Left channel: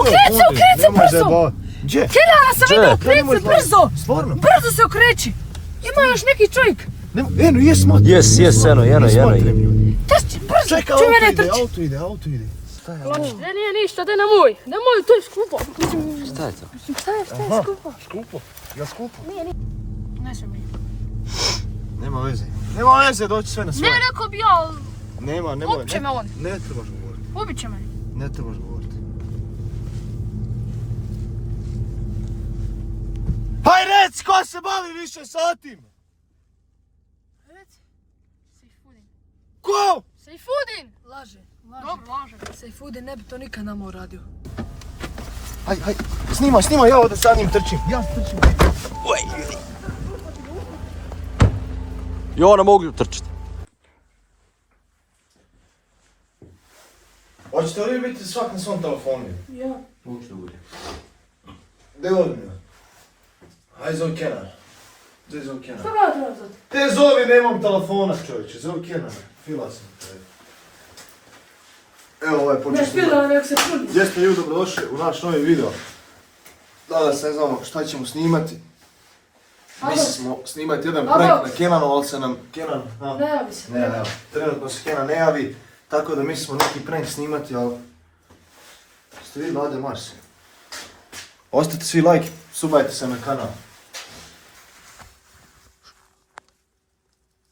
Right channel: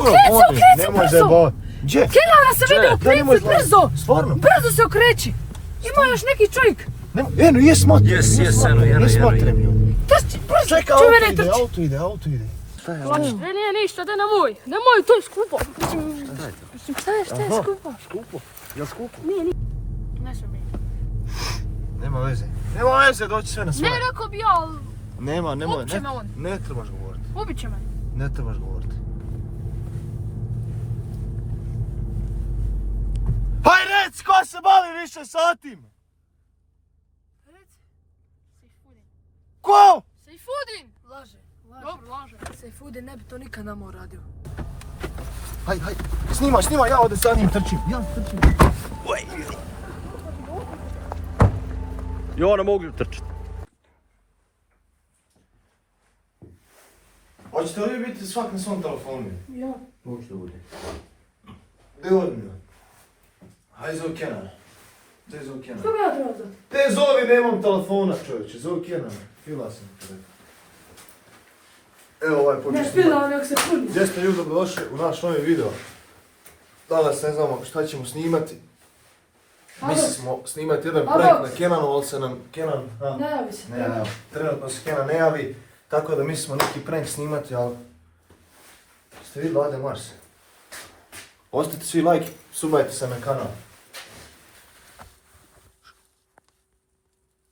Okreci brzo! Gdje? Kenana se vidi, okreci brzo! Stvarno? Brzo se okreći! Ima još neki čovjek! Eno, jes motrem. Jes, eno. Jes motrem, ljudi. Brzo, Čekaj, čuj mene trči! auto ide. Ne, nije ništa, daj nemoj, to je skupo. Šta je to? Aha, skupo. Jel skupo? Nije. Ne sam mi. Nema veze, doći sve na svoje. Ne, rekao bi ja, Nema. ubit će me on. Ne trebaš govoriti. Ubit će me. Ne trebaš govoriti. Haj reci, ko se bavi više sa tim? Reci. Sejfudin. Ko? Sejfudin! Laže. Sejfudin ne bi to nikad nama uradio. Haj, snima, ja da sa njim trčim. Ja trčim. I ona mogu trčiti. Hoćete li biti svak na svom telefonu? Ja. Hoćete biti. Gdje vodim ja? Hajde zove Kenana. Gdje zove Kenana? Što ga treba zati? Te zovi, nemam telefona čovječe, zove Kenana. Fila sam te. Evo ovaj počeo. Ne spila, nek se čuli. Gdje ste ljudi dobrodošli u naš novi video. Danas ne znamo šta ćemo snimati. Mislili smo snimati jedan prank na Kenanu, ali se nam Kenan... Ne javi se. Ne, trenutno se Kenan ne javi, tako da mislimo neki prank snimati, ali... Ste vidjeli Ade Mars? Ostavite svi like, subajte se na kanal.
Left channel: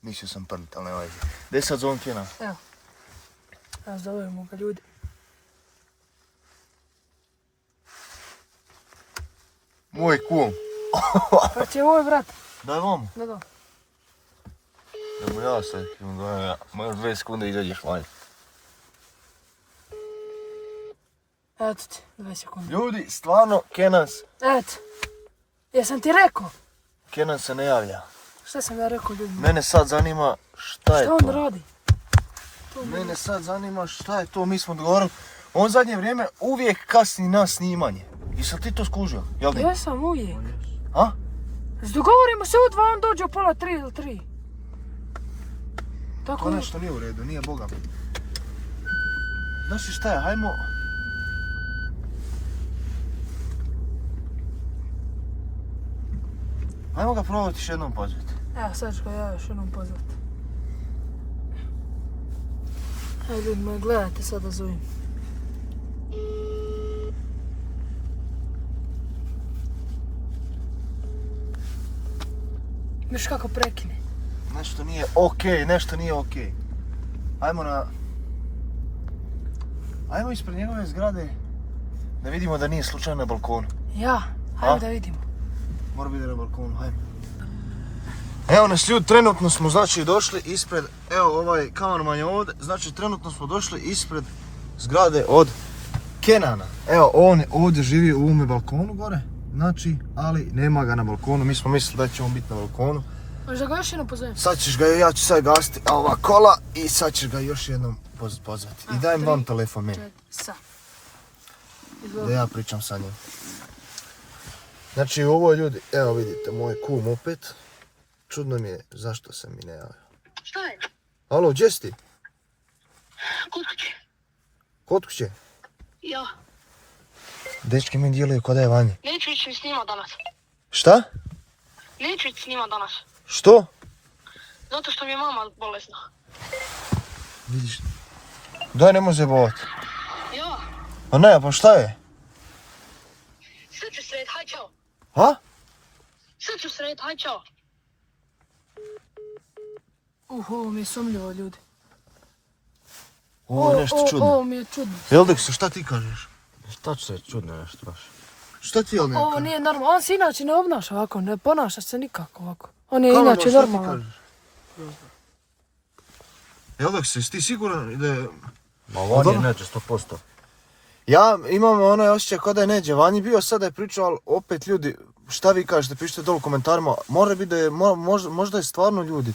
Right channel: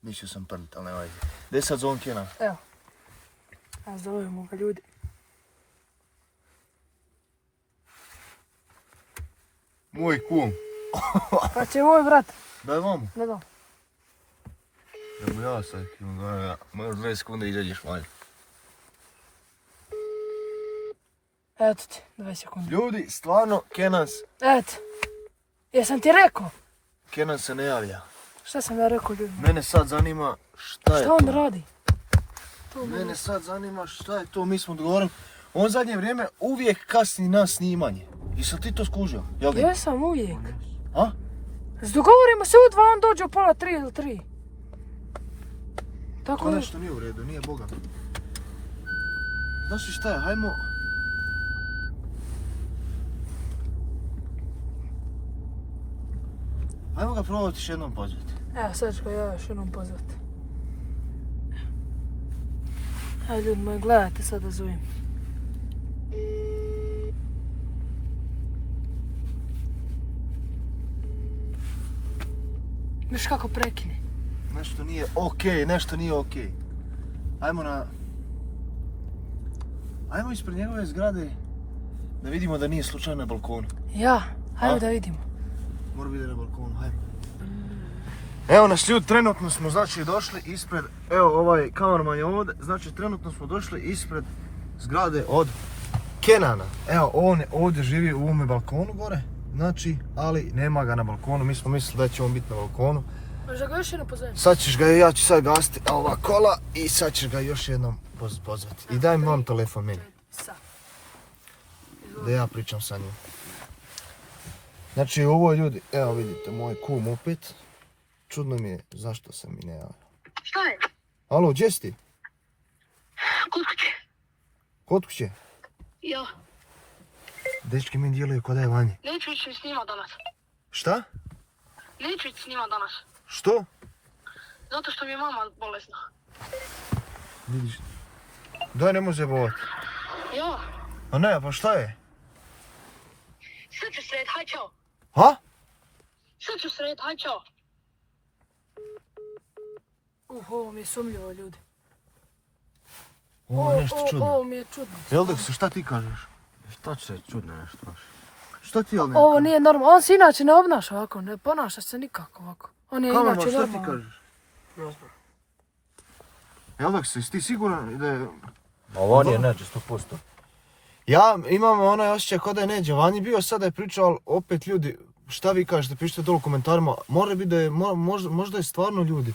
Mislio sam prnit, ali ne vajde. Gdje sad zovem Kenan? Evo. A zovemo ga ljudi. Moj kum. Pa će ovoj brat. Daj vam. Ne dam. Idemo ja sad, možda 2 sekunde izađeš vanje. Eto ti, 2 sekunde. Ljudi, stvarno, Kenan Jesam ti rekao? Kenan se ne javlja. Šta sam ja rekao ljudima? Mene sad zanima šta je Šta to. on radi? Mene sad zanima šta je to, mi smo dogovorili. On zadnje vrijeme uvijek kasni na snimanje. Jesi li ti to skužio, jel ne? Ja sam uvijek. A? Dogovorimo se u 2, on dođe u pola 3 ili 3. To Tako nešto nije u redu, nije Boga. Znaš šta je, hajmo... Hajmo ga probati još jednom pozvati. Evo sad ću ga ja još jednom pozvati. Hajde ljudi moji, gledajte sad da zovem. Viš kako prekine. Nešto nije okej. Ajmo ispred njegove zgrade da vidimo da nije slučajno na balkonu. Ja, hajde da vidimo. Mora biti na balkonu, hajmo. Evo nas ljudi, trenutno smo znači došli ispred, evo ovaj kamerman je ovdje, znači trenutno smo došli ispred zgrade od Kenana. Evo on ovdje živi u ovome balkonu gore, znači, ali nema ga na balkonu, mi smo mislili da će on biti na balkonu. Možda ga još jednom pozovem. Sad ćeš ga, ja ću sad gasiti ova kola i sad ćeš ga još jednom pozvati. I dajem vam telefon meni. Sad. Da ja pričam sa njim. Znači ovo ljudi, evo vidite, moj kum opet. Čudno mi je zašto se mi ne javio. Šta je? Alo, gdje si ti? Kod kuće. Kod kuće? Ja. Dečki mi djeluju kod da je vanje. Neću ići s njima danas. Šta? Neću ići s njima danas. Što? Zato što mi je mama bolesna. Vidiš. Daj, nemoj zajebovati. Ja. Pa ne, pa šta je? Sad ću sred, haj čao. Ha? Sad ću sred, haj čao. Ovo mi je sumljivo ljudi. Ovo je nešto čudno. Ovo mi je čudno. Jeldeksu, šta ti kažeš? Šta će se čudno nešto baš? Šta ti Jeldek? Ovo nije normalno. On se inače ne obnaša ovako, ne ponaša se nikako ovako. On je inače Šta ti normalno. kažeš? Jeldeksu, jesi ti siguran da je... Ma on je neće 100%. Ja imam onaj osjećaj kao da je neđe vanji bio, sada je pričao, ali opet ljudi, šta vi kažete, pišite dole u komentarima, mora biti da je, možda je stvarno ljudi,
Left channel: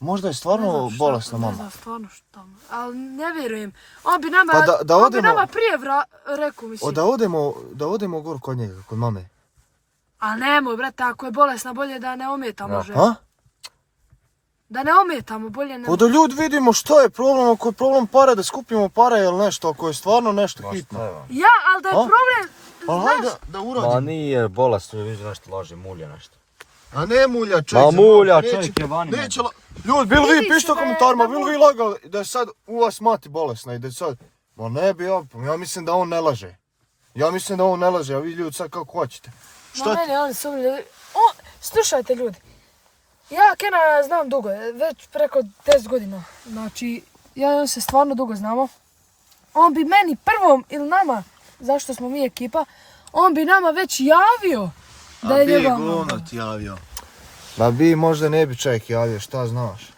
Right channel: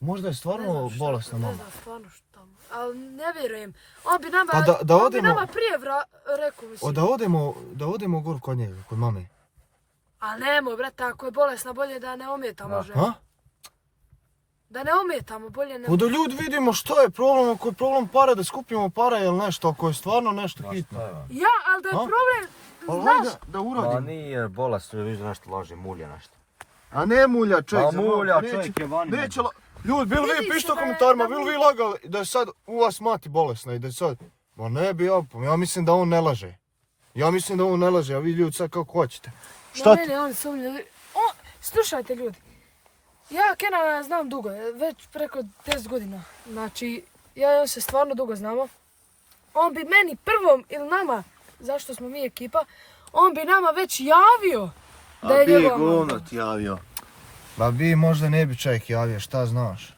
možda je stvarno bolesna mama. Ne znam stvarno šta, ali ne vjerujem. On bi nama, Pa on bi nama prije rekao, mislim. Da odemo gor kod njega, kod mame. Ali nemoj, brate, ako je bolesna, bolje da ne ometa može. Ha? Da ne ometamo, bolje ne... Pa da ljudi vidimo što je problem, ako je problem pare, da skupimo pare ili nešto, ako je stvarno nešto hitno. Ja, ali da je A? problem, Pa znaš, hajde da Ma uradimo. nije bolesno, vidiš nešto laže, mulja nešto. A ne mulja, čovjek. Ma za Bog, mulja, neće- čovjek je vani. Neće Ljudi, bili vi Vidi se pište u da je- komentarima, da bili vi lagali da je sad u vas mati bolesna i da je sad... Ma ne bi ja mislim da on ne laže. Ja mislim da on ne laže, a vi ljudi sad kako hoćete. Ma meni, ali sumnje. Slušajte ljudi, ja Kena znam dugo, već preko 10 godina. Znači, ja i on se stvarno dugo znamo. On bi meni prvom ili nama, zašto smo mi ekipa, on bi nama već javio da je njegova mama. javio. Ma bi možda ne bi čovjek javio, šta znaš?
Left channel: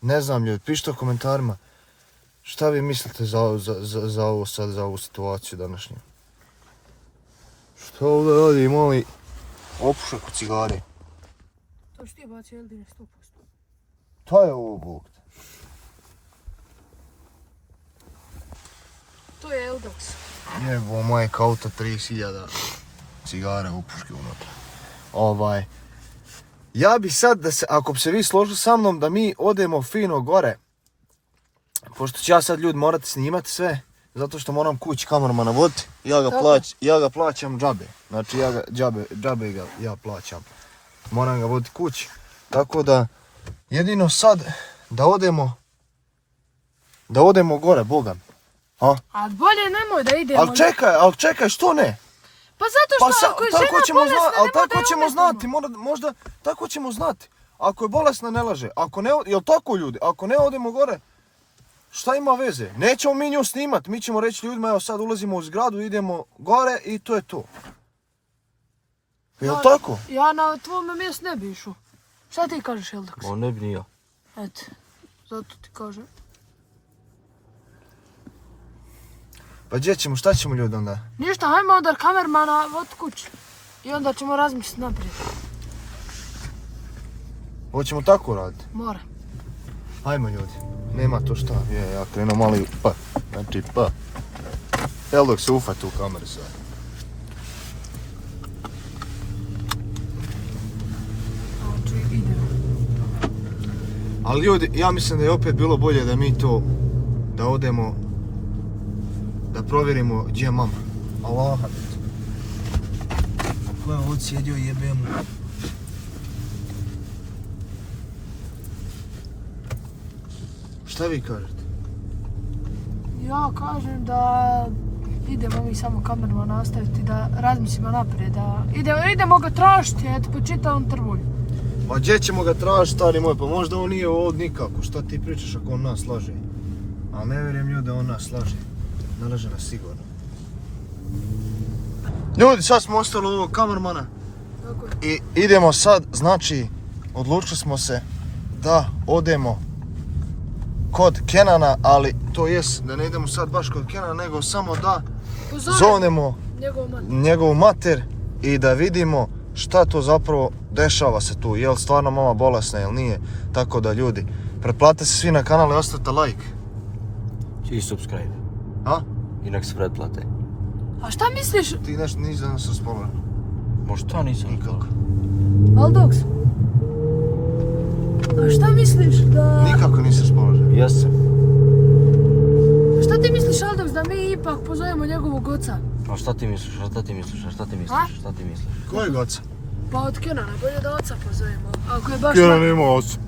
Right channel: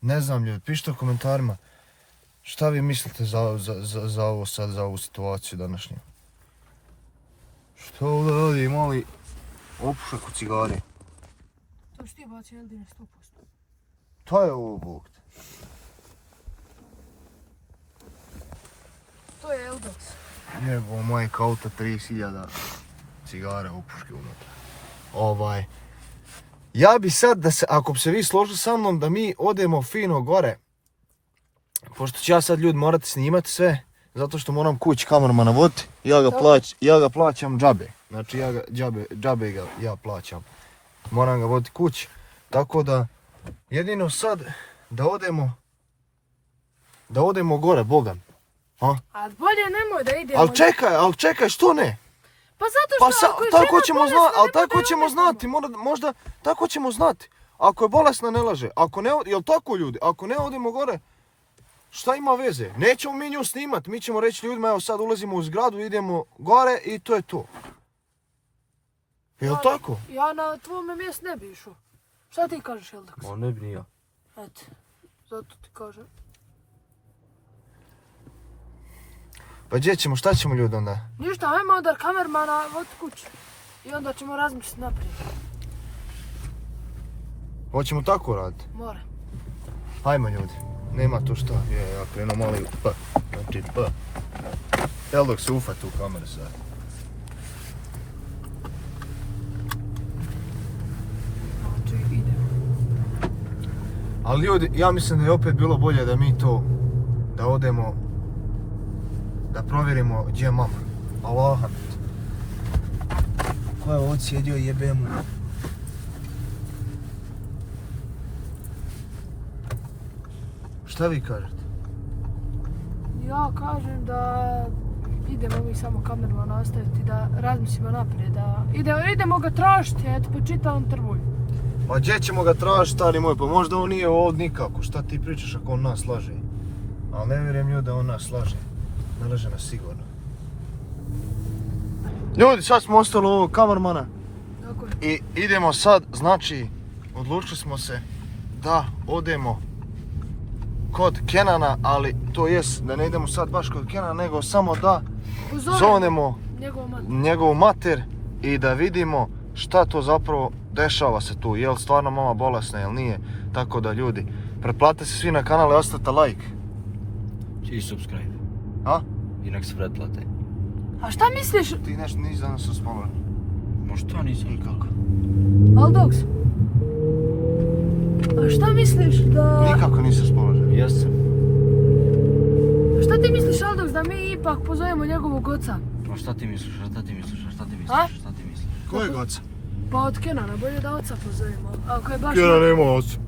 Ne znam ljudi, pišite u komentarima. Šta vi mislite za ovo sad, za ovu situaciju današnju? Što ovdje radi mali opušak u cigari? To što ti bacio Eldine 100%. To je ovo Bog. To je Eldox. Jebo majka auta 30.000 cigara opuške unutra. Ja bi sad da se, ako bi se vi složili sa mnom da mi odemo fino gore, pošto ću ja sad ljudi morati snimati sve, zato što moram kući kamermana voditi, ja ga plaćam džabe. Znači džabe ga ja plaćam. Moram ga voditi kući. Tako da jedino sad da odemo gore, Bogam. A bolje nemoj da idemo. Ali čekaj, što ne? Pa zato Pa što ako je tako žena ćemo bolesna, znati, ali nemoj tako da ćemo odemo. znati, možda tako ćemo znati. Ako je bolesna ne laže, ako ne, jel tako ljudi, ako ne odemo gore, šta ima veze? Nećemo mi nju snimat, mi ćemo reći ljudima evo sad ulazimo u zgradu, idemo gore i to je to. Jel tako? Ja na tvome mjestu ne bi išao. Šta ti kažeš, Eldox? Ma ne bi ni ja. Eto, zato ti kažem. Pa gdje ćemo, šta ćemo ljudi onda? Ništa, hajmo onda kamermana od kuće. I onda ćemo razmisliti naprijed. Hoćemo tako raditi? Mora. Hajmo ljudi, nema to šta, ja krenuo mali pa, znači pa. Eldok se ufat u kameru sad. Znači, idemo. Ali ljudi, ja mislim da je opet bilo bolje da mi to, da odemo, da provjerimo gdje je mama. Allaha. Ko je ovdje sjedio jebe mu? Šta vi kažete? Ja kažem da idemo mi samo kamerman nastaviti, da razmislimo naprijed, da idemo ga tražiti, eto po čitavom trvulju. Pa gdje ćemo ga tražiti, stari moj, pa možda on nije ovdje nikako, šta ti pričaš ako on nas laže? A ne vjerujem ljudi da on nas laže, ne laže nas sigurno. Ljudi, sad smo ostali ovog kamermana i idemo sad, znači, odlučili smo se da odemo kod Kenana, ali to jest da ne idemo sad baš kod Kenana, nego samo da zovnemo njegovu mater i da vidimo šta to zapravo dešava se tu, jel stvarno mama bolesna, jel nije, tako da ljudi, pretplate se svi na kanal i ostavite like. Svi subscribe. A? I nek se pretplate. A šta misliš, Ti nešto nisi za nas raspomenu. Možda nisam. Nikako. Aldox? A šta misliš da... Nikako nisi raspoložen. Jesam. Šta ti misliš, Aldox, da mi ipak pozovemo njegovog oca? A šta ti misliš, a šta ti misliš, a šta ti misliš, A? šta ti misliš? Kojeg oca? Pa od Kenana, bolje da oca pozovemo. Ako je baš... Kenan nema oca.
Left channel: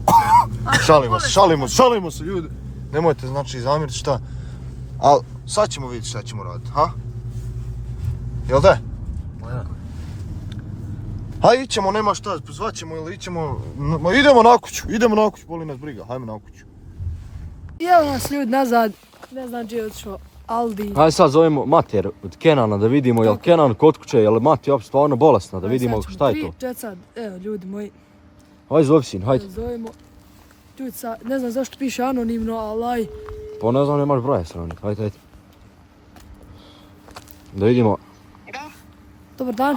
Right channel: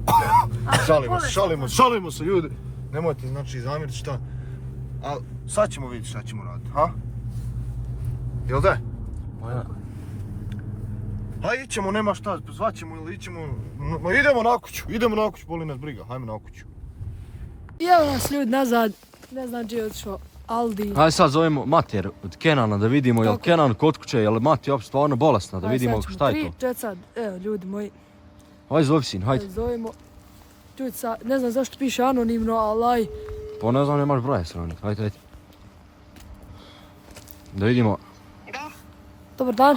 Ako je Šalimo se ljudi. Nemojte znači zamjeriti šta. Ali sad ćemo vidjeti šta ćemo raditi, ha? Jel da? Ha, ićemo, nema šta, zvaćemo ili ićemo, ma idemo na kuću, boli nas briga, hajmo na kuću. I evo nas ljudi nazad, ne znam gdje je otišao Aldi. Ajde sad zovemo mater od Kenana da vidimo jel Kenan kod kuće, jel mati uopće stvarno bolesna, da vidimo šta je to. Čet sad, evo ljudi moji, Hajde zovi sin, hajde. zovemo. Čuj sad, ne znam zašto piše anonimno, ali aj. Pa ne znam, nemaš broja stranik, hajde. Da vidimo. Dobar dan.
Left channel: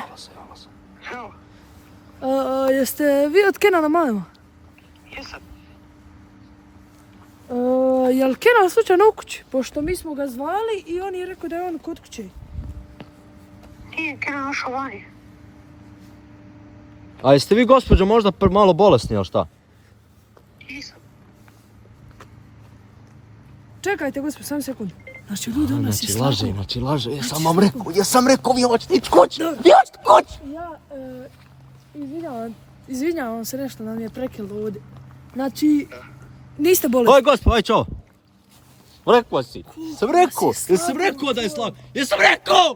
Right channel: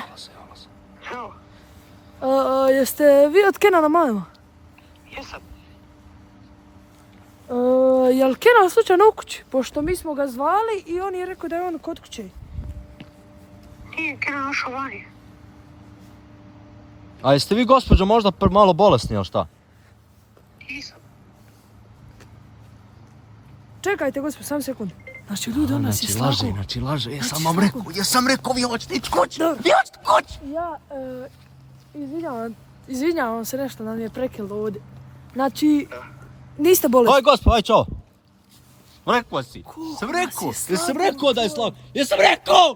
Jeste vi od Kenana mama? Jesam. Jel Kenan slučajno u kući? Pošto mi smo ga zvali i on je rekao da je on kod kuće. Nije Kenan ušao vani. A jeste vi gospođo možda malo bolesni, jel šta? Nisam. Čekajte, gospod, sam sekund. Znači, ljudi, on nas je slagao. Znači laže, ja sam rekao, vi hoćete ići kući, vi hoćete kući. Ja, izvinjavam se nešto da mi je prekilo ovdje. Znači, niste bolesni. Oj, gospod, aj čao. Rekao si. Jesam rekao da je slag. Jesam rekao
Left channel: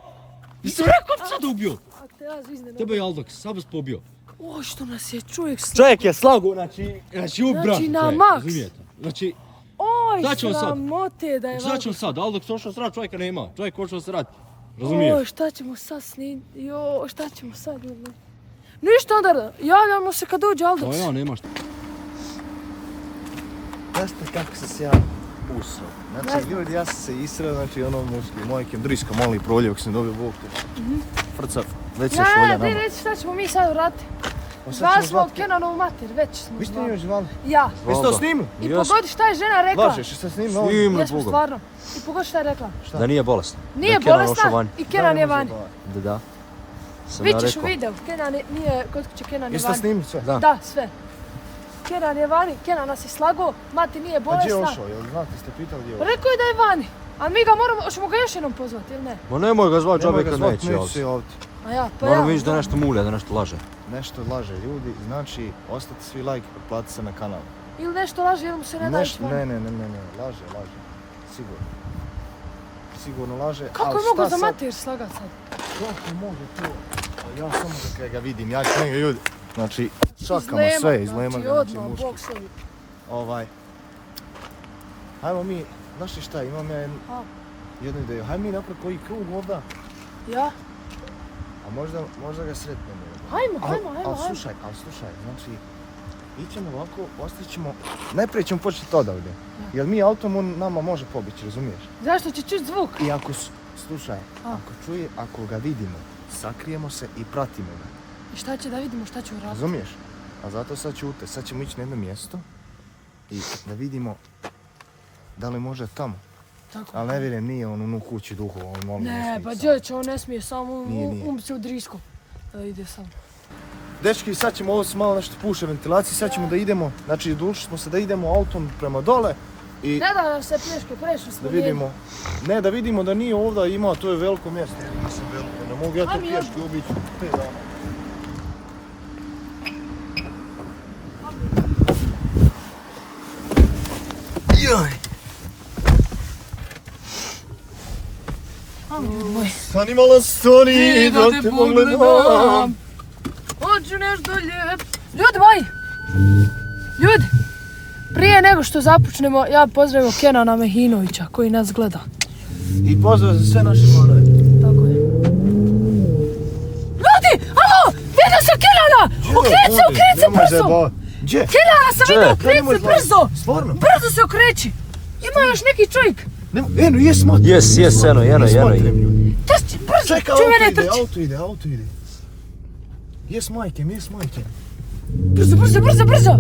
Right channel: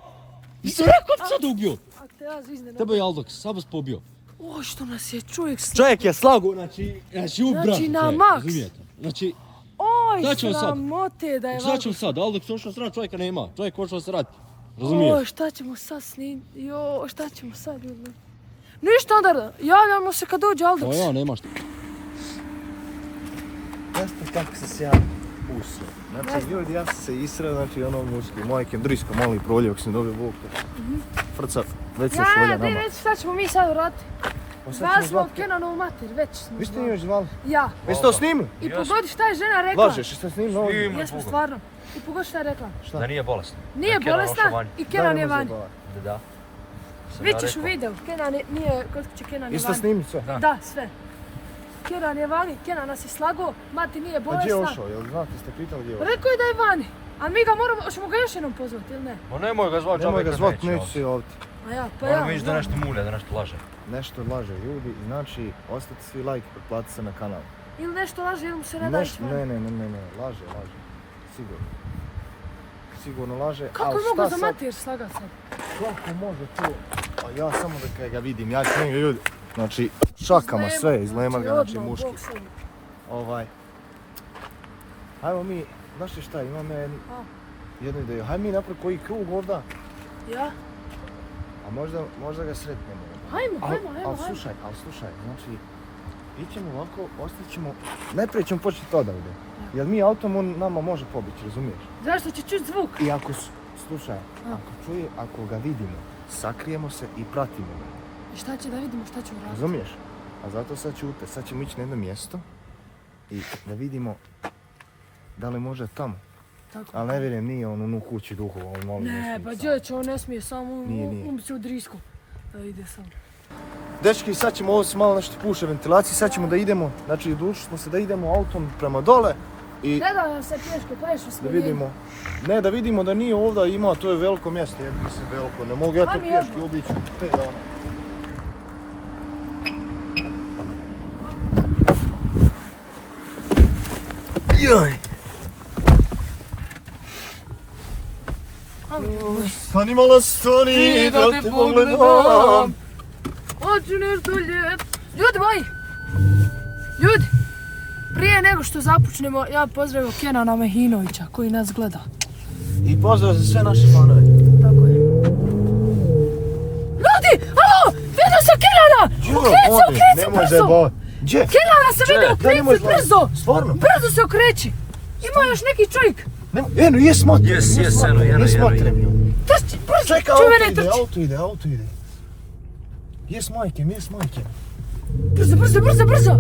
bi sad ubio. A te ja zvizdem. Tebe je Aldok, sam vas pobio. O, što nas je čovjek slagao. Čovjek je slagao, znači ubran. Znači, na maks. Znači, Oj, Šta ćemo sad? sramote da je šta ćemo sad? Aldok se ošao srat, čovjeka nema. Čovjek ošao srat. Razumiješ? Oj, šta ćemo sad šta ćemo sad, ljudi? Ništa onda, javljamo se kad dođe Aldoks. Ja, nema šta. Jeste kako sam se ja usro. Znači ljudi, ja sam se israo, znači ono muški, mojkem drisko mali proljevak sam dobio Bog te. Frca, već se šolja nama. Ne, već šta ćemo mi sad uraditi? Pa sad Zvali ćemo smo zvati. Kenanovu mater, već smo Vi ste zvali. njoj zvali? Ja. Vi ste to snimili? I pogodi šta je žena rekla. Lažeš, jeste snimili ovo? Snimili. Jesmo stvarno. I pogodi šta je rekla. Šta? Da nije bolesna. Nije Da je Kenan bolesna došao van. i Kenan je vani. Da. Sam Vi ja ćeš u rekao. videu, Kenan nije, kod kuće Kenan je Jeste vani. snimili sve? Da. Da, sve. Kenan je vani, Kenan nas je slagao, mati nije Pa gdje je bolesna. ošao? Jel znate, ste pitali gdje je ošao? Rekao je da je vani. A mi ga moramo, hoćemo ga još jednom pozvati ili ne? Ma nemoj ga zvati, Nemoj ga čovjek zvati, neće neću ovdje. se ovdje. A ja, pa Moram ja. vidjeti da znam. nešto mulja, da nešto laže. Nešto laže ljudi, znači ostavite svi like, pretplatite se na kanal. Ili nešto laže, ili mu se ne da ići vani. Ne, laže, sigurno. Sigurno laže, Kako ali je mogu šta za sad? mater slagat sad? Kako može to? A ja samo da kaj ga vidim, ja ću njega ljudi. Znači, šakama Izlema, sve, izlema ga, znači odmah, muški. Bog sebi. Hajmo mi, znaš li šta, imam ja jednu ideju. Hajmo mi napraviti koji krug ovdje, Ja? a možda ga sretnemo. Hajmo. Ali slušaj, znači, ićemo ovako, ostavit ćemo, najprije ćemo početi odavde. Jer mi autom on nama može pobići, razumiješ? Zašto će čuti zvuk? I slušaj, ako ga vidimo, sakrijemo se i pratimo ga. I šta će da vidimo, šta će uraditi? Razumiješ? A zato sad ćute, sad ćemo ići na jedno mjesto i da vidimo da li može tamo. Tako. Ali ne vjerujem, nije on u kući duhova, on molim Ne, pa dječe, on ne smije samo Nije. se u drisku. Da ide sam. Dečki, sad ćemo ovo se malo nešto puše ventilacije, sad ćemo da idemo, znači odlučili smo se da idemo autom prema dole i Ne da nam se pješke, prešli smo da vidimo, ne da vidimo da nije ovdje ima, to je veliko mjesto, jer mislim veliko, ne mogu ja to Ajme, pješke obići. Joj! Stani malo stani, da te pogledam. Hoću nešto lijep. Ljudi moji! Ljudi! Prije nego što započnemo, ja pozdravim Kenana Mehinovića koji nas gleda. I pozdrav za sve naše fanove. Tako je. Ljudi! Alo! Vidio sam Kenana! Okreći se brzo! Gdje? Kenana sam vidio, okreći se brzo! Stvarno? Brzo se okreći! Ima još neki čovjek! Eno, jes motrem. Jes, eno. Jes motrem, ljudi. Trči, brzo! Čekaj, Čuj mene trči! auto ide. Jes majkem. Brzo!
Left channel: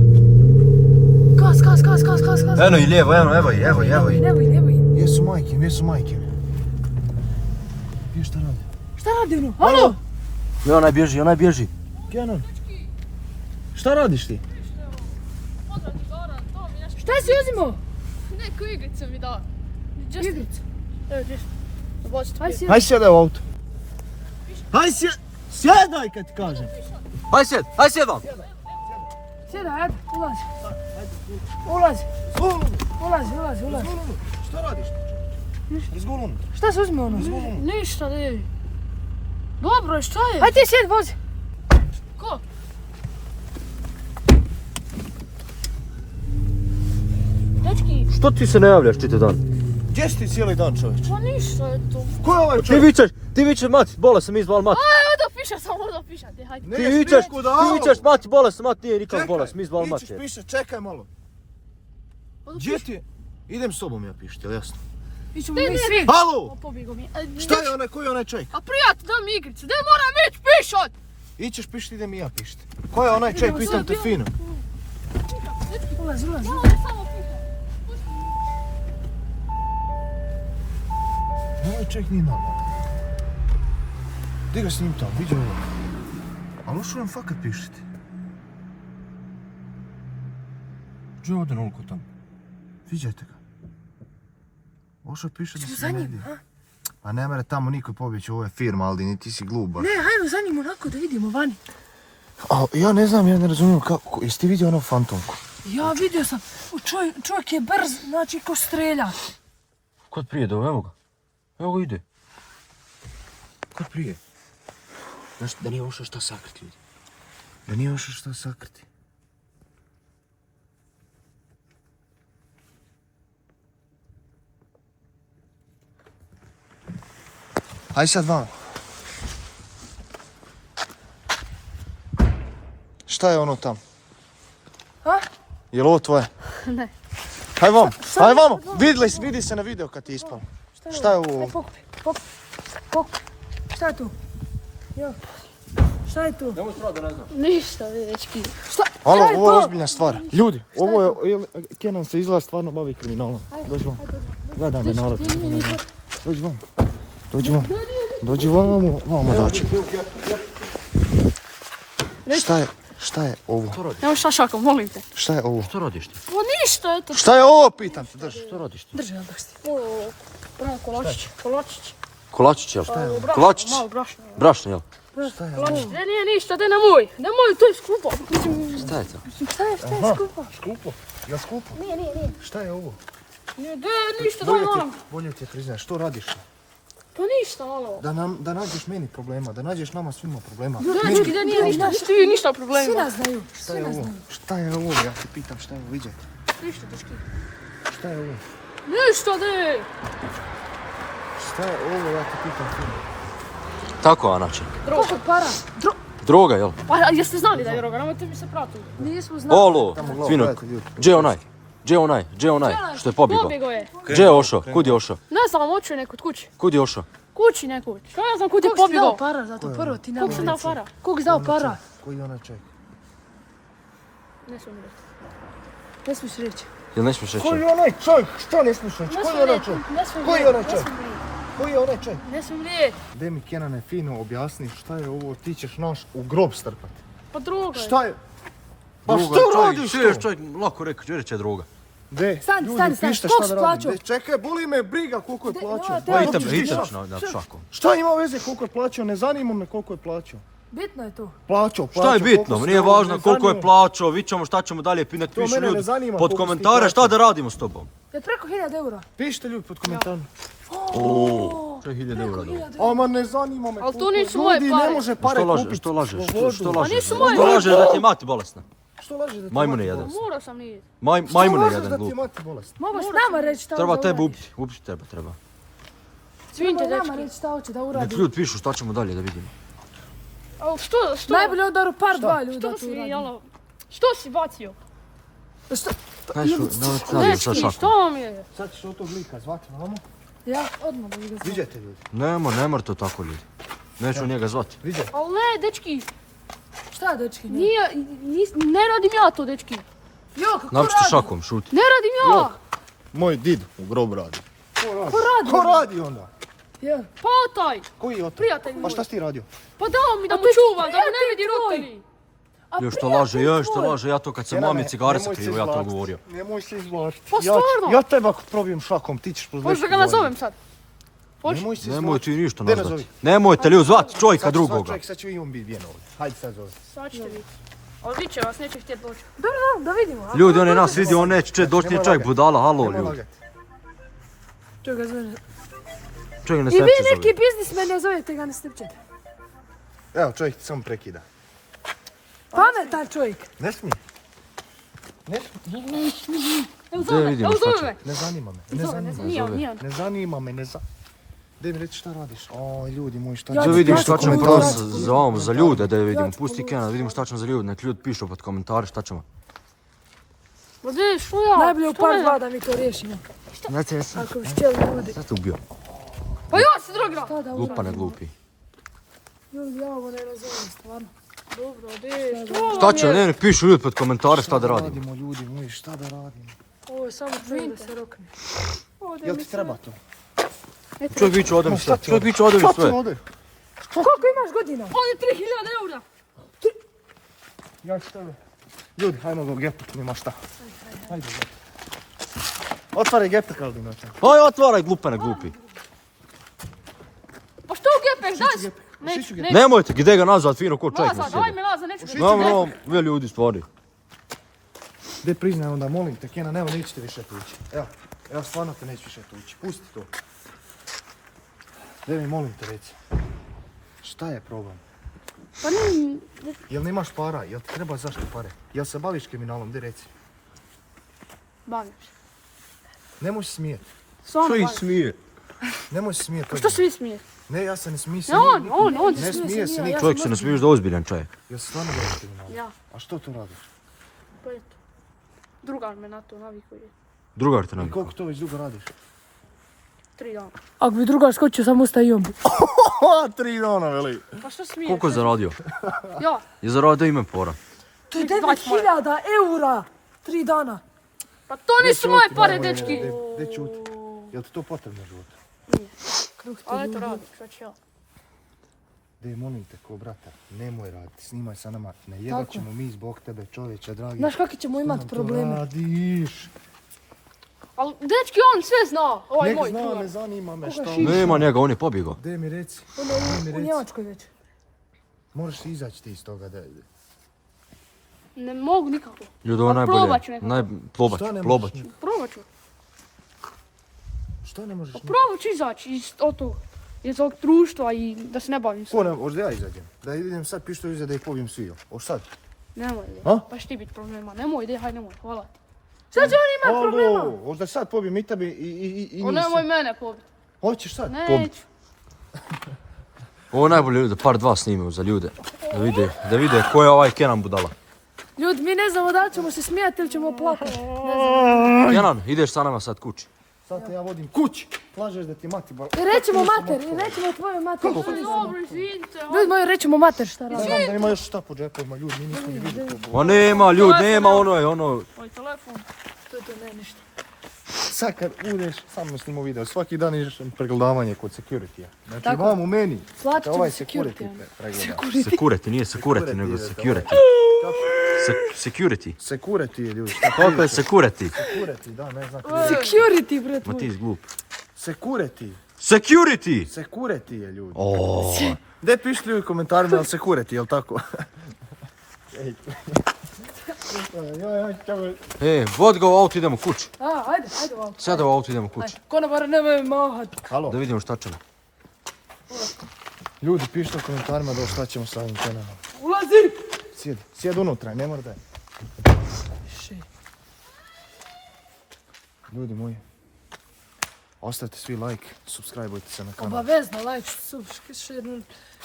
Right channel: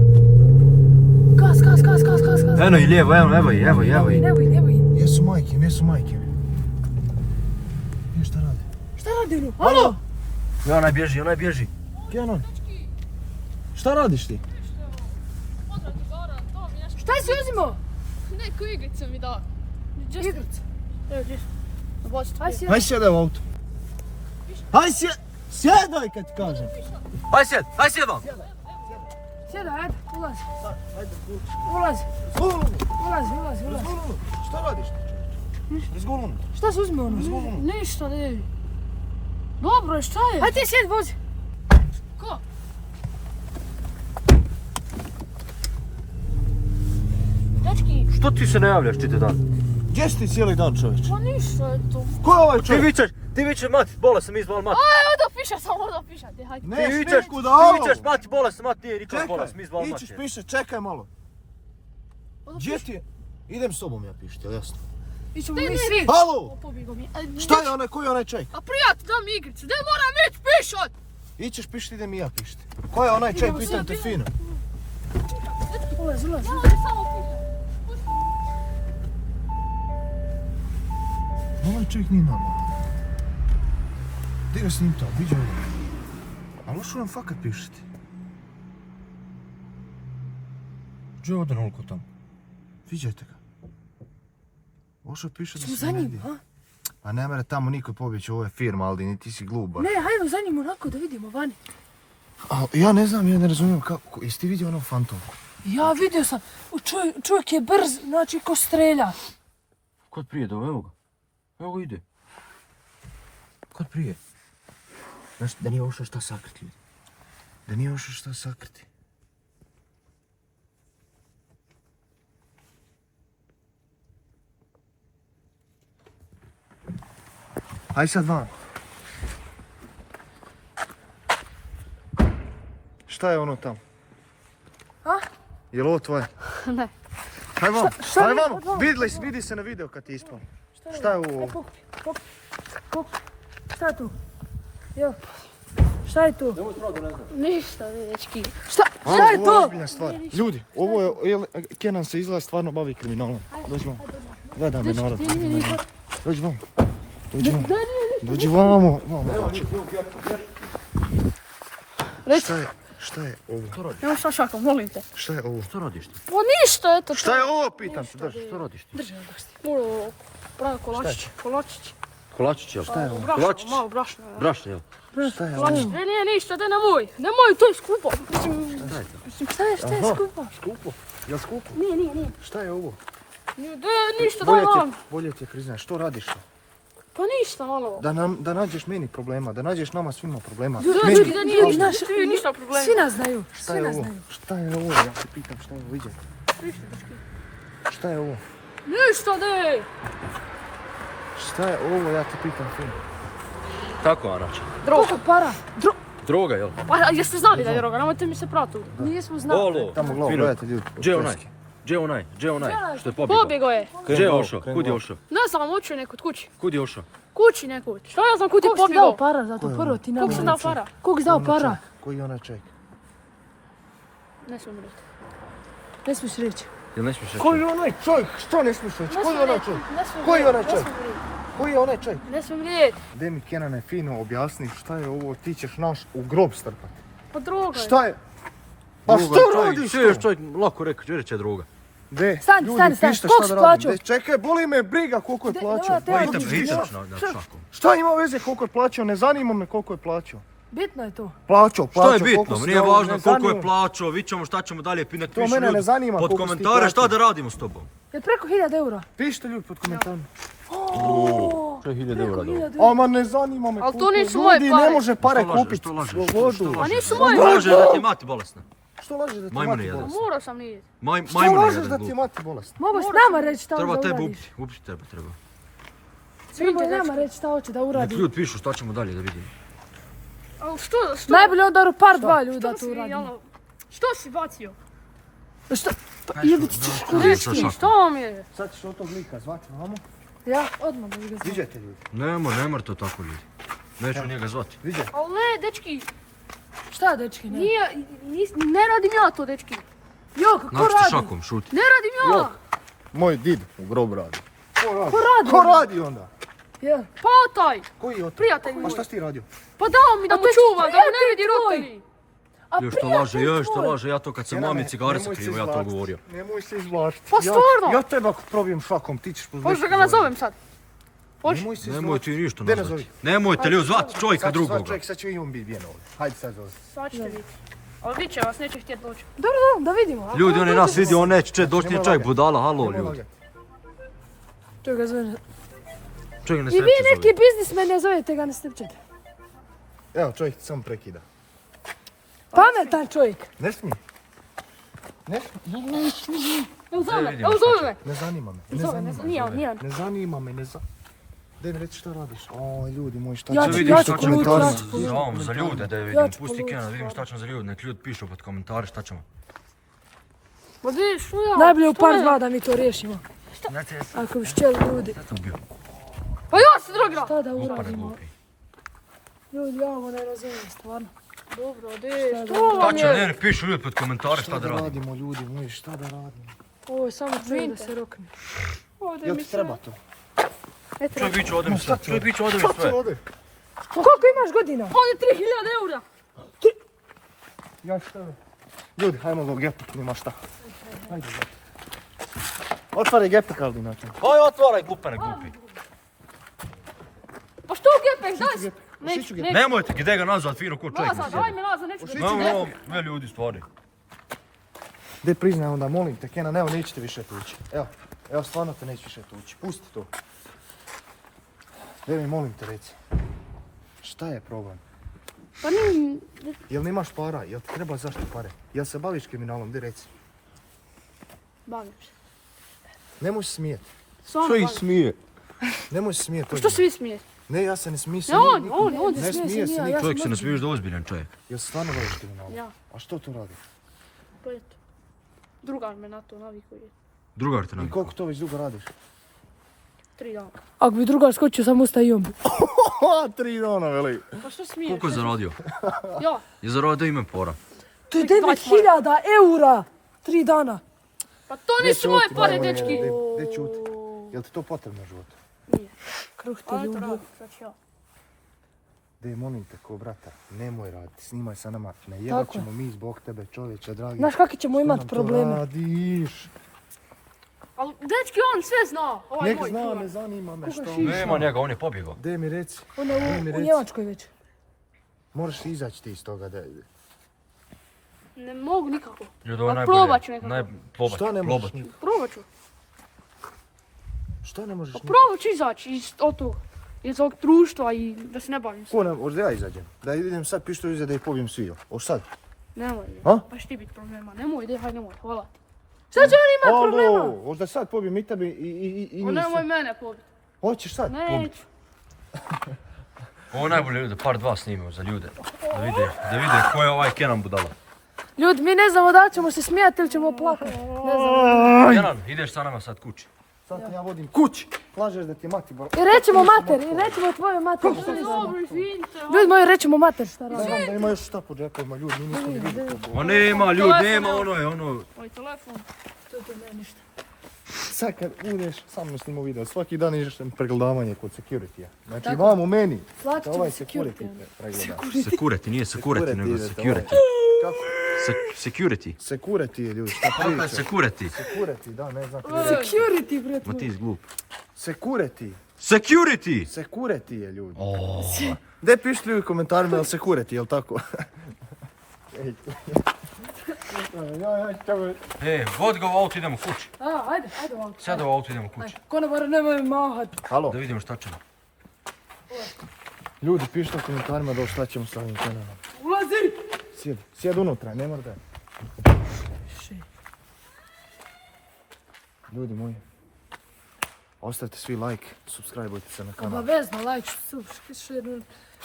Gas! Eno i lijevo, evo i. Evo i. Jesu majkem. Je šta radi? Šta radi ono? Alo! I onaj bježi. Kenan. Šta radiš ti? Šta si uzimao? Neku igricu mi dao. Igricu. Evo, gdje? Obozite. Aj si. Haj sjedaj u auto. Sjedaj kad ti kažem. Aj sjed vam. Sjedaj, ajde, ulazi. Ulazi. Šta radiš ti čovječe? Razgolunu. Šta se uzme ono? Ništa, ne. Dobro, šta je? Ajde ti sjed, vozi. Ko? Dečki, Što ti se ne javljaš čitav dan? Gdje si ti cijeli dan čovječe? pa ništa je to. Ko je ovaj čovjek? Ti vičeš, mati, bolest sam izval mati. Odo piša, te hajde. Ne, Ti vičeš, mati, bolest sam, mati, nije nikak bolest, mi izval mati. Ićiš piše, čekaj malo. Gdje ti je? Idem s tobom ja pišti, jel jasno? Ićemo mi svi. Halo! Pobjego mi. Šta je onaj, koji je onaj čovjek? A prijatelj, daj mi igricu, gdje moram ići pišat? Ićeš pišti, idem i ja pišti. Ko je onaj čovjek, pitam te fino. Ulazi. Ja ovdje samo pišat. Ovaj čovjek nije normalan. Gdje ga s njim to, viđu ovo. Ali ušu nam fakat pišiti. Gdje ode onoliko tamo? Viđajte ga. Ošo piše da Ćemo se za ne njim, vidi. a? A ne mere tamo niko pobjeći, ovo je firma, Aldini, ti si glup baš. Ne, hajmo za njim onako da vidimo vani. A, ja ne znam, ja ne razumijem kako, jesi ti vidio ono fantomku? Ja vidio sam, čovjek je brz, znači ko strelja. Kod prije, evo ga. Evo ga ide. Kod prije. Znaš da nije ošao šta sakriti ljudi. Da nije ošao šta sakriti. Aj sad van. Šta je ono tam? A? Je li ovo tvoje? Ne. Haj vam, haj vam, vidi se na video kad ti ispalo. Šta je ovo? Pokupi. Šta je tu? Jo. Šta je tu? Ništa, dečki. Alo, ovo je ozbiljna stvar. Ljudi, ovo je, Kenan se izgleda stvarno bavi kriminalom. Dođi vam. Gleda me narod. Dođi vam. Dođi vam. Dođi vamo. Vamo dođi. Šta je ovo? Nemo šta šakom, molim te. Šta je ovo? Što radiš ti? Pa ništa, eto. Šta je ovo, pitam te, drži. Što radiš ti? Pravi kolačić. Kolačić. Kolačić, jel? Šta je ovo? Brašno, Kolačić? malo brašno. Brašno, jel? Šta je ovo? Kolačić. Ne, ništa, daj nemoj. Nemoj, to je skupo. Šta je to? Aha, skupo. Jel skupo? Nije. Šta je ovo? Ništa, daj malo. Bolje ti je priznaš, što radiš? Pa ništa, malo. Da nađeš meni problema, da nađeš nama svima problema. Dečki, da nije ništa, ti ništa problema. Svi nas znaju. Šta je ovo? Šta je ovo? Ja te pitam šta je ovo, viđaj. Ništa, dečki. Šta je ovo? Ništa, dej. Šta je ovo, ja te pitam fino. Tako, Anače. Droga. Para. Droga, jel? Pa jeste znali da je droga, nemojte mi se prati. Nismo znali. Olo, svinok. Gdje je onaj? Gdje je onaj? Što je pobjegao? Pobjegao je. Gdje je ošao? Kud je ošao? Ne znam, oču je nekud kući. Kud je ošao? Kući nekud. Šta ja znam kud je Koliko si dao pobjegao? para za to? Prvo ti nam Koliko sam dao para? Koliko si dao para? Koji je onaj čovjek? Ne smijem reći. Ne smiješ reći. Jel ne smiješ reći? Koji je onaj čovjek? Što ne smiješ reći? Koji je onaj čovjek? Koji je onaj čovjek? Koji je onaj čovjek? Ne smijem reći. Daj mi Kenane fino objasni šta je ovo, ti ćeš naš u grob strpati. Pa droga je. Šta je? Pa Droga, što čovjek, radiš čuješ to? čovjek, lako rekao, gdje reće droga? De, Stani, ljudi, stani, pište koliko šta si da radim. plaćao? De, čekaj, boli me briga koliko je plaćao. Pa Hitam na šakom. Šta ima veze koliko je plaćao, ne zanima me koliko je plaćao. Bitno je to. Plaćao, Šta je bitno? koliko si Nije dao, važno ne koliko je zanima me. plaćao, vidit ćemo šta ćemo dalje pinak To pišu mene ne ljudi zanima pod koliko si ti komentare šta plaćao. da radimo s tobom. Je preko 1000 eura. Pišite ljudi pod komentarom. 6000 eura dobro. Ama ne zanima me Ali to koliko. nisu moje Ljudi, pare. ne može pare Što lažeš, kupiti. što lažeš, slobodu. što Pa lažeš? nisu moje. Lažeš da ti je mati bolesna. Što laže da ti Majmune mati jedan. bolest? Morao sam nijeti. Što Majmune lažeš jedan da ti je glup. mati bolest? Mogu s nama reći šta Treba da tebe uradiš. ubiti tebe treba. Svinite, Mogu nama dečki. reći šta hoće da Nek uradi. ljudi pišu šta ćemo dalje da vidimo. Ali što? Najbolje onda par dva ljuda Što tu si, uradi. jelo? Što si bacio? Dečki, Što vam je? Sad ćeš od tog lika zvati vamo. Ja odmah da ga Viđajte ljudi. Ne to tako ljudi. Neću njega zvati. Viđaj. Ali ne, dečki. Šta dečki? Ne? Ne radim ja to, dečki. Jo, kako Napište radi? šakom, šuti. Ne radim ja. Moj did u grob radi. Ko radi onda? Jo. Pa taj. Koji je to? Prijatelj Pa moj. šta si ti radio? Pa dao mi da mu čuvam, da mu ne vidi roditelji. Još što laže, ja to kad sam mami cigare sakrivo, ja to govorio. Nemoj se izvlačiti. Pa stvarno? Ja teba ako probijem šakom, ti ćeš pozvati. Hoćeš da ga nazovem sad? Hoćeš? Nemoj se Nemoj ti ništa Gdje nazvati. nazovi? Nemojte ljudi zvati čovjeka drugoga. Čovjek, sad ću i on biti vjen ovdje. Hajde sad zove. Sad ćete vidjeti. Ali vi će vas, neće htjeti doći. Da vidimo. a? Ljudi, on je nas vidio, on neće doći, nije čovjek budala, halo Nemoj ljudi. lagati. To ga zove. Čovjek ne I vi Snapchat neki zove. biznismene zovete ga na Snapchat. Evo, čovjek ti samo prekida. Pametan čovjek. Ne smije. Ne smije. Evo zove, vidimo evo šta zove će. me. Ne zanima me. Ne Zove, zanima ne, me. nije on, nije on. Ne zanima me, Daj mi reći šta radiš. O, ljudi moji, šta Ja ću Da vidimo šta u ćemo komentarima. za ovom, za ljude da vidimo. Pusti Kena, da vidimo šta ćemo za ljude, nek ljudi pišu pod komentare šta ćemo. Ma dej, što ja? Najbolje u Što par ne? dva da mi to riješimo. Znate, ja sam Ako bi htjeli ljudi. sad te ubio. Pa ja se drogira. Šta da Glupa ne uradimo? glupi. Ljudi, ja ovo ne razumijem, stvarno. Dobro, dej, što Šta vam će, je? ne, pišu ljudi pod komentare šta da radimo. radimo, ljudi moji, šta da radimo? Ovo je samo čujem da se rokne. Jel ti treba to? Čovjek viće ode mi sve, čovjek viće ode mi Šta sve. ti ode? Koliko imaš godina? On je 3000 eura. Ja ću tebe. Ljudi, hajmo ga getut, nema šta. Hajde, gledaj. Otvaraj gepek, Aldo, znači. Aj, otvaraj, glupene, glupi. Pa što gepek, daj! Šiću Neću, gepek. neću. Nemojte, gdje ga nazvat, fino ko čovjek. Nazad, daj mi nazad, neću. Dobro, vi ljudi stvari. Gdje priznaj onda, molim te, Kenan, evo nećete više tući. Evo, stvarno te neću više tući. Pusti to. Gdje mi, molim te, reci. Šta je problem? Pa nije... Jel nemaš para? Jel ti treba zašto pare? Jel se baviš kriminalom? Gdje reci? Bavim se. Nemoj se smijeti. Stvarno Što ih bavim se. smije? Nemoj se smijeti. Što svi smije? Ne, ja se ne smiju se. Ne, on Ne smije se niko. Čovjek se ne smiješ da je ozbiljan čovjek. Jel se stvarno baviš kriminalom? Ja, A što to radiš? pa eto. Drugar me na to navikuje. Drugar te I nam. koliko to već dugo radiš? 3 dana. Ako bi drugar skočio, samo ustaje i on bi. 3 dana, veli. Pa što smiješ? Koliko je zaradio? Ja, Je zaradio ime pora. To je 20 9.000 eura. 3 dana. pa to nisu moje pare, dečki. Gdje čuti? Jel ti to potrebno u životu? Nije. Ali eto radim, sad ću ja. Dej, molim te, ko brata, nemoj raditi, snimaj sa nama. Ne jebat Tako. ćemo mi zbog tebe, čovječe, dragi. Znaš kakvi ćemo Što imat nam to probleme? radiš? Ali dečki, on sve zna. Ovaj Nek moj zna, čuvar. ne zanima me Koga što. šiša? Nema njega, on je pobjegao. Dej mi reci, dej mi U reci. Njemačkoj već. Moraš izaći ti iz toga. Ne mogu nikako. Ljudi, ovo Ali najbolje. probat ću nekako. Što ne Probat možeš? ću. Probat ću. Što ne možeš? Pa probat ću izaći iz ovog društva i da se ne bavim s. Ko ne, hoćeš da ja izađem? Da idem sad pištolj iza da ih pobijem svi. Hoš sad? Nemoj, A? pa će ti biti problema. Nemoj, dej, haj nemoj, hvala ti. Sad će on imat problema. Alo, hoćeš da sad pobijem i tebi i O, njih nemoj sve? mene pobiti. Hoćeš sad? Neću. Ovo je najbolje ljudi, par dva snimaju za ljude. Da vide ko je ovaj Kenan budala. Ljudi, mi ne znamo da li ćemo se smijati ili ćemo plakati. Kenan, ideš sa nama sad kući. Sad te ja vodim kući. Plažeš da ti je mati bar... I rećemo mater, i nećemo tvoje mater. Dobro, izvinite. Ljudi moji, rećemo mater šta radi. Znam da ima još šta po džepovima, ljudi, mi nismo ni vidjeli to. Pa nema, ljudi, Telefon, nema evo. ono. Moj telefon. To ne ništa. Sad kad udeš, samo snimo video, svaki dan ideš na pregledavanje kod security-a. Znači Tako. vam u meni, Platit da ovaj ćemo security security. pregleda. Security, nije security, nego idete, security. Kako? Security. Security je ljudi, šta Kako je priča? security? Security, da, ne znam. Security, bret Ma moj. ti si glup. Security, Security! security je ljudi. O, Gdje pišli u komentarima, jel security, jel tako? Ej. vod ga u auto, idemo kući. Ajde u auto. Sada u auto idemo kući. Ajde, konobar, nemoj mahat. Halo, Da vidimo šta ćemo. ljudi pišite u komentarima da šta ćemo sa ovim kanalom. Ulazi! Sjedi unutra, ne mora da je. Ljudi moji, ostavite svi like, subscribeujte se na kanal. Obavezno, like, share.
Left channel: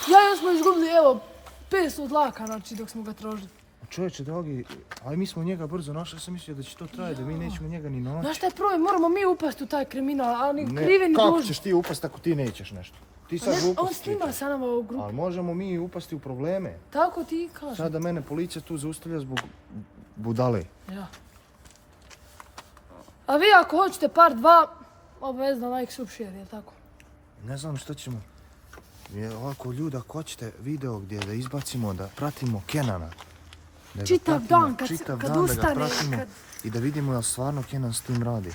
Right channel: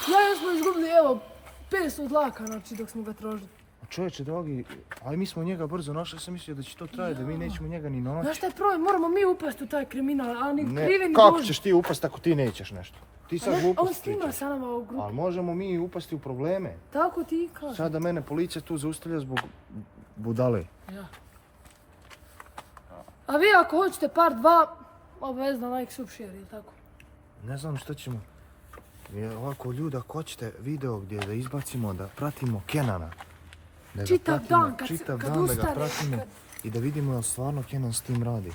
Ja smo izgubili, evo, 500 dlaka, znači, dok smo ga tražili. Čovječe, dragi, ali mi smo njega brzo našli, ja sam mislio da će to trajati, da mi nećemo njega ni naći. Znaš šta je problem, moramo mi upasti u taj kriminal, ali ni Ne, krivi ni kako dužni. ćeš ti upast ako ti nećeš nešto? Ti sad On glupost snima pričaš. sa nama u grupu. Ali možemo mi upasti u probleme. Tako ti kažeš. Sada mene policija tu zaustavlja zbog budale. Ja. A vi ako hoćete part 2, obavezno like, sub, share, je tako? Ne znam što ćemo. Ovako ljudi, ako hoćete video gdje da izbacimo, da pratimo Kenana. Da ga Čitav pratimo, dan, čitav kad dan da ga ustane, pratimo kad- i da vidimo jel stvarno Kenan s tim radi.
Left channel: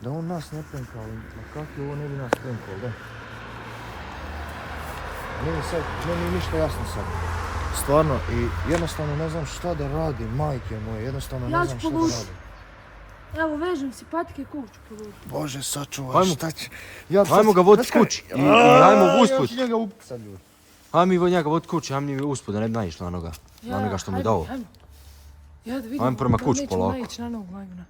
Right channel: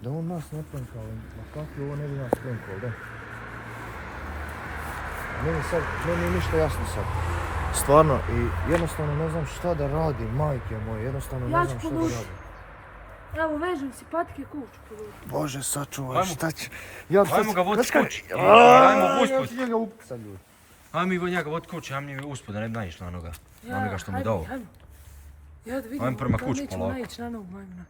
Da on nas ne prenka, ali ma kako ovo ne bi nas prenkao, da? Meni je ništa jasno sad. Stvarno, i jednostavno ne znam šta da radim, majke moje, jednostavno Ja ne ću znam šta da pomoći. radim. Evo, vežem si patike i kuću. pogodim. Bože, sačuvaj, Hajmo. šta će... Ja Hajmo ga voditi znaš kaj- kući. Hajmo Ja usput. ću njega upit sad, ljudi. Hajmo njega voditi kući, hajmo njega usput da ne bi naišli na onoga. Na onoga što mu je hajmo, dao. hajmo. Ja da vidimo, Hajmo prema da kući nećemo polako. naići na novog majmuna.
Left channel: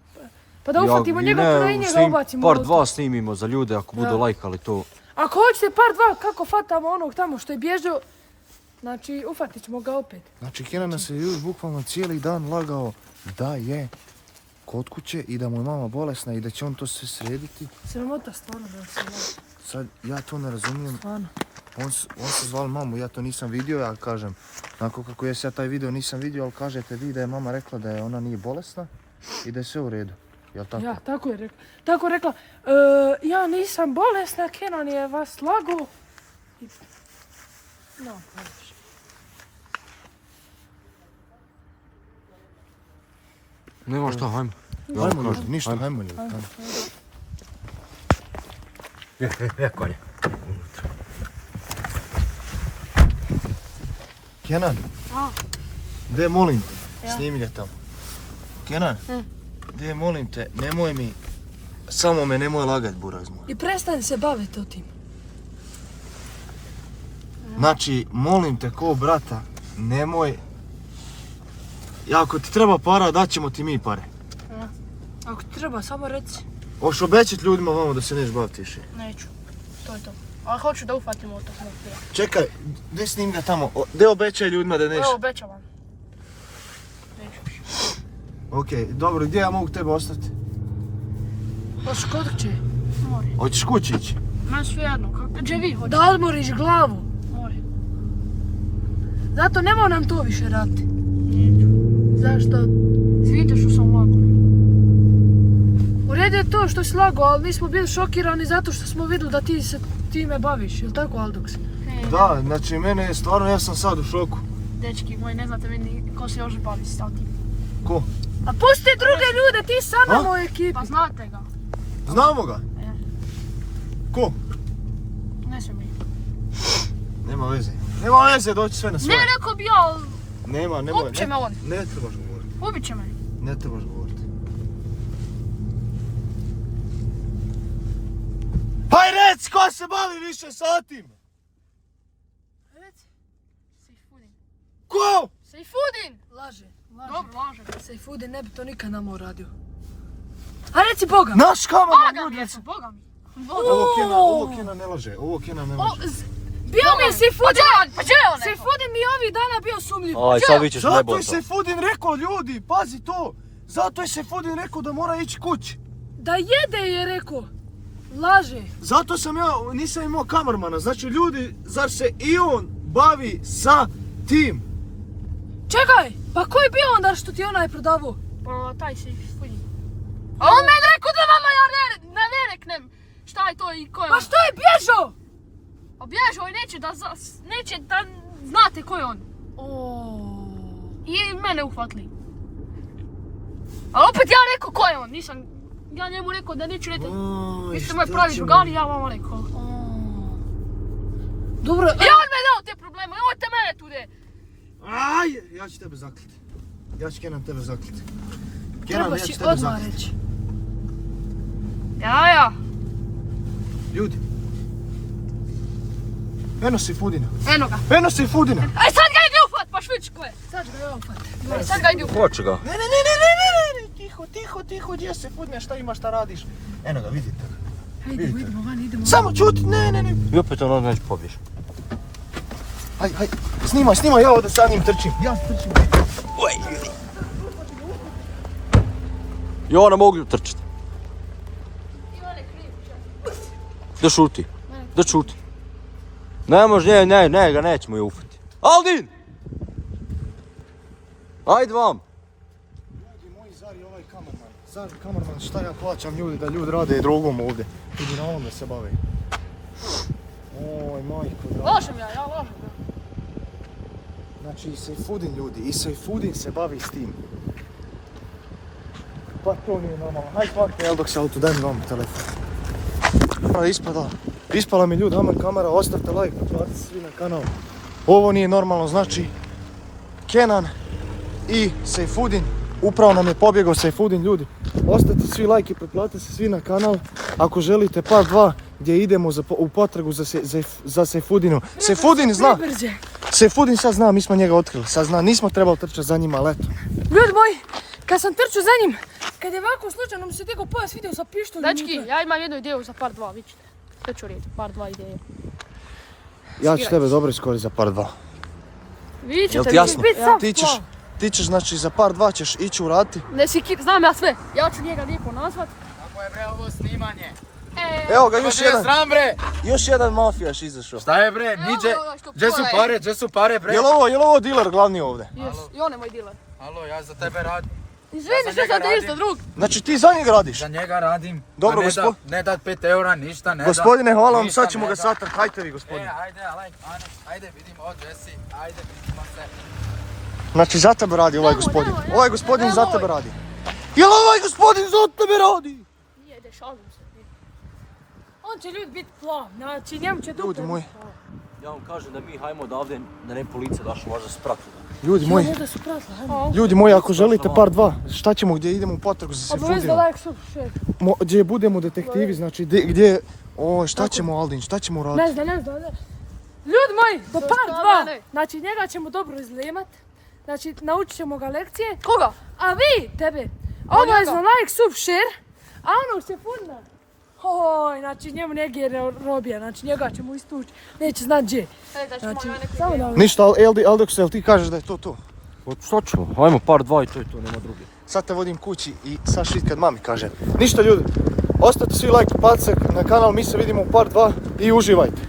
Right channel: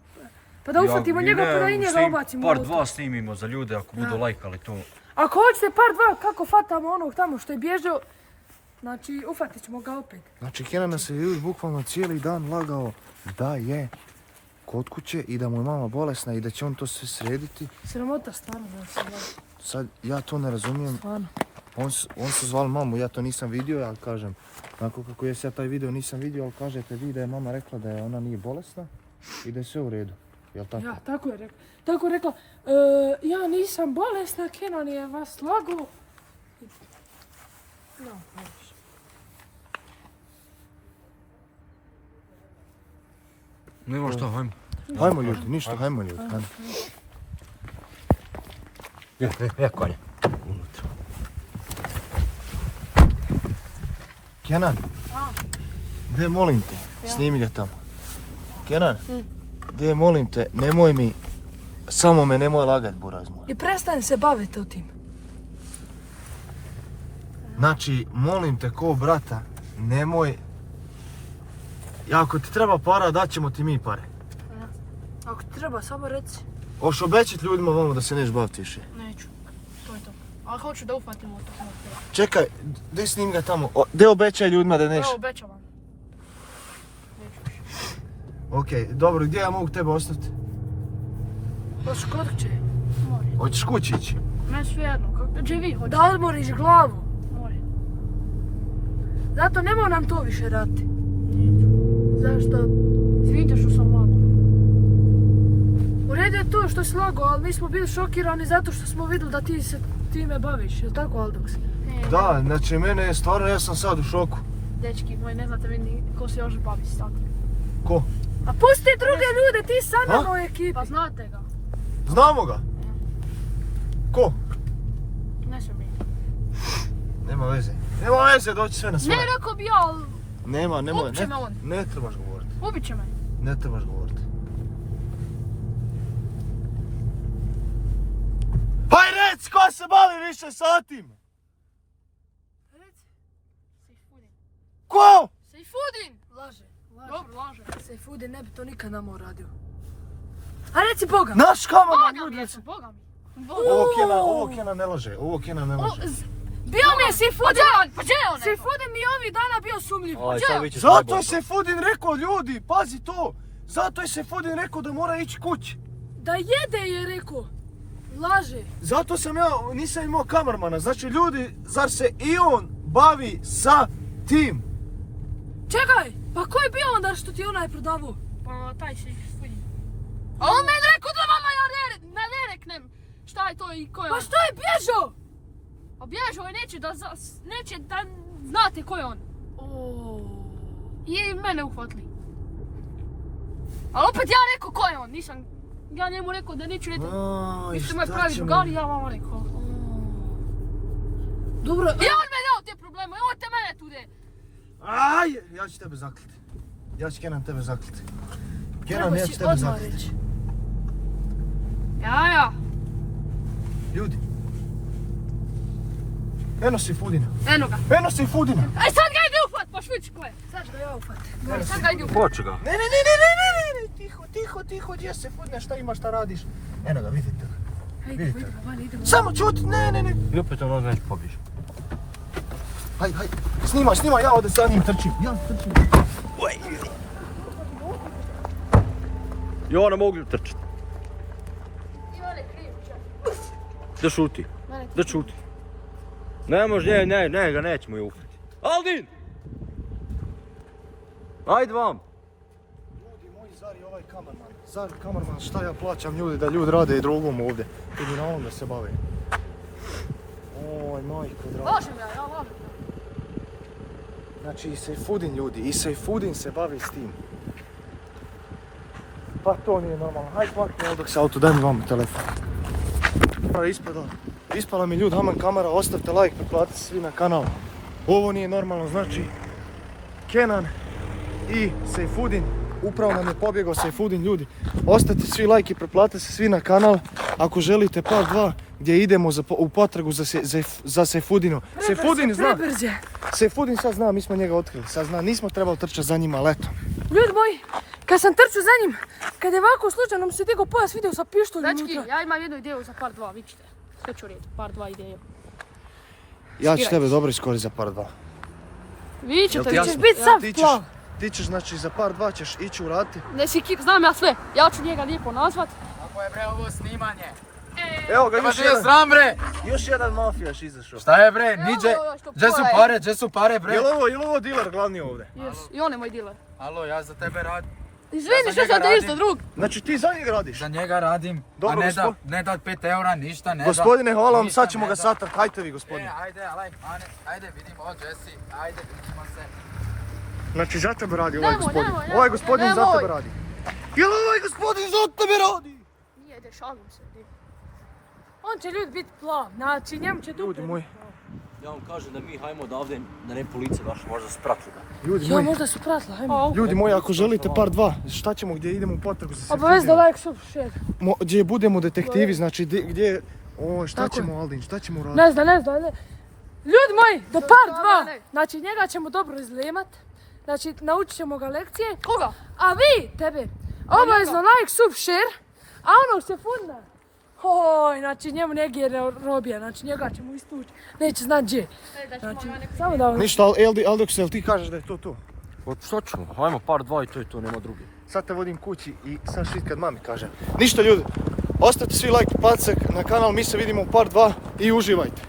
Pa da ufatimo njega prvo i njega ubacimo u Part auto. 2 snimimo za ljude ako budu lajkali to. Ako hoćete part 2, kako fatamo onog tamo što je bježao, znači ufatit ćemo ga opet. Znači, Kenan nas je ljudi bukvalno cijeli dan lagao da je kod kuće i da mu je mama bolesna i da će on to sve srediti. Sramota stvarno da se ne. Sad, ja to ne razumijem. Stvarno. On se zvao mamu, ja to nisam vidio, ja kažem, onako kako ja taj video nisam vidio, ali kažete vi da je mama rekla da je ona nije bolesna i da je sve u redu. Jel tako? Ja, tako je rekla. Tako je rekla, ja nisam bolesna, Kenan je vas lagao. I- No, znaš. Nema šta, hajmo. Hajmo ljudi, ništa, hajmo ljudi. Konja. Kenan, gdje molim te, snimi ga tamo. Kenan, gdje molim te, nemoj mi, samo me nemoj lagat, buraz moj. I prestani se baviti o tim. Znači, molim te ko brata, nemoj... Ako ti treba para, daćemo ti mi pare. Ako ti treba, samo reci. Hoš obećat ljudima vamo da se neće baviti više. Neću. To je to. Ali hoću da ufatimo tog mafija. Čekaj, gdje snim ga tamo? Gdje obećaj ljudima da neće? Evo, obećavam. Neću više. Okej, dobro, gdje ja mogu tebe ostaviti? Baš kod će. More. Hoćeš kući ići? Meni sve jedno. Gdje vi hoćete? Da odmoriš glavu. More. Zato nemoj nam to više raditi. Neću. Zašto? Izvinite što sam lago. U redu je to što si lago, ali mi smo bili šokirani zato što smo vidjeli da ti se time baviš. Je li tako, Aldox? Da, znači mene je stvarno, ja sam sad u šoku. Dečki moji, ne znate vi ni ko se još bavi s takim. Ko? A pusti druge ljude, ti sa nama u ekipi. Pa znate ga. Znamo ga? Ko? Ne sve mi. Nema veze. Nema veze, doći sve na Ne, svoje. rekao bi ja, ali Nema. ubit će me on. Ne trebaš govoriti. Ubit će me. Ne trebaš govoriti. Haj reci, ko se bavi više sa tim? Sejfudin. Ko? Sejfudin! Laže. Dobro, laže. Sejfudin ne bi to nikad nama uradio. A reci Boga. Naš kamerman, Boga ljudi. mi je, Boga mi. Boga. Ovo Kena ne laže, Bio mi je Sejfudin. Pa gdje je on? Sejfudin mi je ovih dana bio sumljiv. Aj, sad vićeš Zato najbolje. je Sejfudin rekao, ljudi, pazi to. Zato je Sejfudin rekao da mora ići kući. Da jede je rekao. Laže. Zato sam ja, nisam imao kamermana. Znači ljudi, zar se i on bavi sa tim? Čekaj, pa ko je bio onda što ti je onaj prodavao? Pa taj Sejfudin. A on meni rekao da vama ja ne reknem šta je to i ko je Pa on. što je bježao? A bježao i neće da znate ko je on. I mene uhvatili. Ali opet ja rekao ko je on, nisam, ja njemu rekao da neću reći. Vi ste moji pravi drugani, ja vam rekao. Dobro, I on me dao te probleme, nemojte mene tu de. Aj, ja ću tebe zakliti. Ja ću Kenan tebe zakliti. Kenan, treba ja si ću tebe odmah zakliti. reći. Ja. Ljudi. Eno Sejfudina. Eno ga. Eno Sejfudina. Aj sad ga idi ufat, pa švić ko je. Sad ga ja upad. Aj sad ga idi ufat. Hoće ga. Ne, tiho, gdje Sejfudina, šta imaš, šta radiš? Eno ga, vidite. Hajde, idemo van, idemo. Samo čuti, ne. I opet on neće pobježi. Hajde, snima, ja ovdje sa njim trčim. Ja trčim. I ona mogu trčiti. Da šuti. Da šuti. Ne može, ne, ga nećemo je ufati. Aldin! Ajde vam! Ljudi moji, zar je ovaj kamerman? Zar kamerman, šta ja plaćam ljudi da ljudi rade drugom ovdje? Ljudi na ovome se bave. Oj, majko draga. Lažem ja lažem. Znači i Sejfudin ljudi, i Sejfudin se bavi s tim. Pa to nije normalno. Hajde hvatno, jel dok se auto, daj mi vam telefon. Ispala mi ljudi, amen kamera, ostavite like, pretplatite se svi na kanal. Ovo nije normalno, znači Kenan i Sejfudin, upravo nam je pobjegao Sejfudin ljudi. Ostavite svi like i pretplatite se svi na kanal ako želite part 2 gdje idemo u potragu za Sejfudinom. Sejfudin zna, Sejfudin sad zna, mi smo njega otkrili, sad zna, nismo trebali trčati za njima, ali eto. Ljudi moji, kad sam trčao za njim, kad je ovako slučajno mi se digao pojas, vidio sa pištoljem Dečki, unutra. ja imam jednu ideju za part 2, vidite. Hoću reći, part 2 ideje. Ja ću tebe dobro iskoristiti za part 2. Vi ćete Jel ti jasno? Ti ćeš, znači za part 2 ćeš ići u rati. Ne si znam ja sve, ja ću njega lijepo nazvat. Ovo snimanje. Evo ga, Pa je sram bre! još jedan mafijaš izašao. Šta je bre? Niđe, gdje su pare bre? Jel ovo diler glavni ovdje? Jes, i on je moj diler. Alo, ja za tebe radim. Izvini, za što njega sam radim. isto drug. Znači ti za njega radiš? Za njega radim. Dobro, a ne dat 5 eura, ništa ne da. Gospodine, hvala vam, Ništa sad ćemo ne ga da. satrat, hajte vi gospodine. Ajde vidimo od Jesse, ajde vidimo se. Znači za tebe radi ovaj gospodin. Ovaj gospodin za tebe radi. Jel ovaj gospodin za tebe radi? Nije, ide, šalim se. On će ljudi biti plav, znači njemu će Ljudi moji, Ja vam kažem da mi hajmo odavde, da ne policija došla, možda spratili. ljudi Ja, moji, možda su pratili. ajmo. ljudi moji, ako želite par 2, šta ćemo gdje idemo u potragu za Obavezno Sefudijom? like, sub, share. Gdje budemo detektivi, znači gdje... O, šta ćemo Aldin, šta ćemo raditi? Ne znam. Ljudi moji, do par 2, znači njega ćemo dobro izlijemat. Znači, naučit ćemo ga lekcije. Koga? A vi, tebe, obavezno like, sub, share. A onog Sefudina, oj, znači njemu negdje robija, znači njega ćemo istući. Neće znat gdje. Znači, samo da vam... Ništa, Aldox, jel ti kažeš da je to? Što ćemo? Hajmo par 2 i to je to, nema druge. Sad te vodim kući i sad šit kad mami kaže. Ništa ljudi, ostavite svi like, pacak na kanal, mi se vidimo u par 2 i uživajte.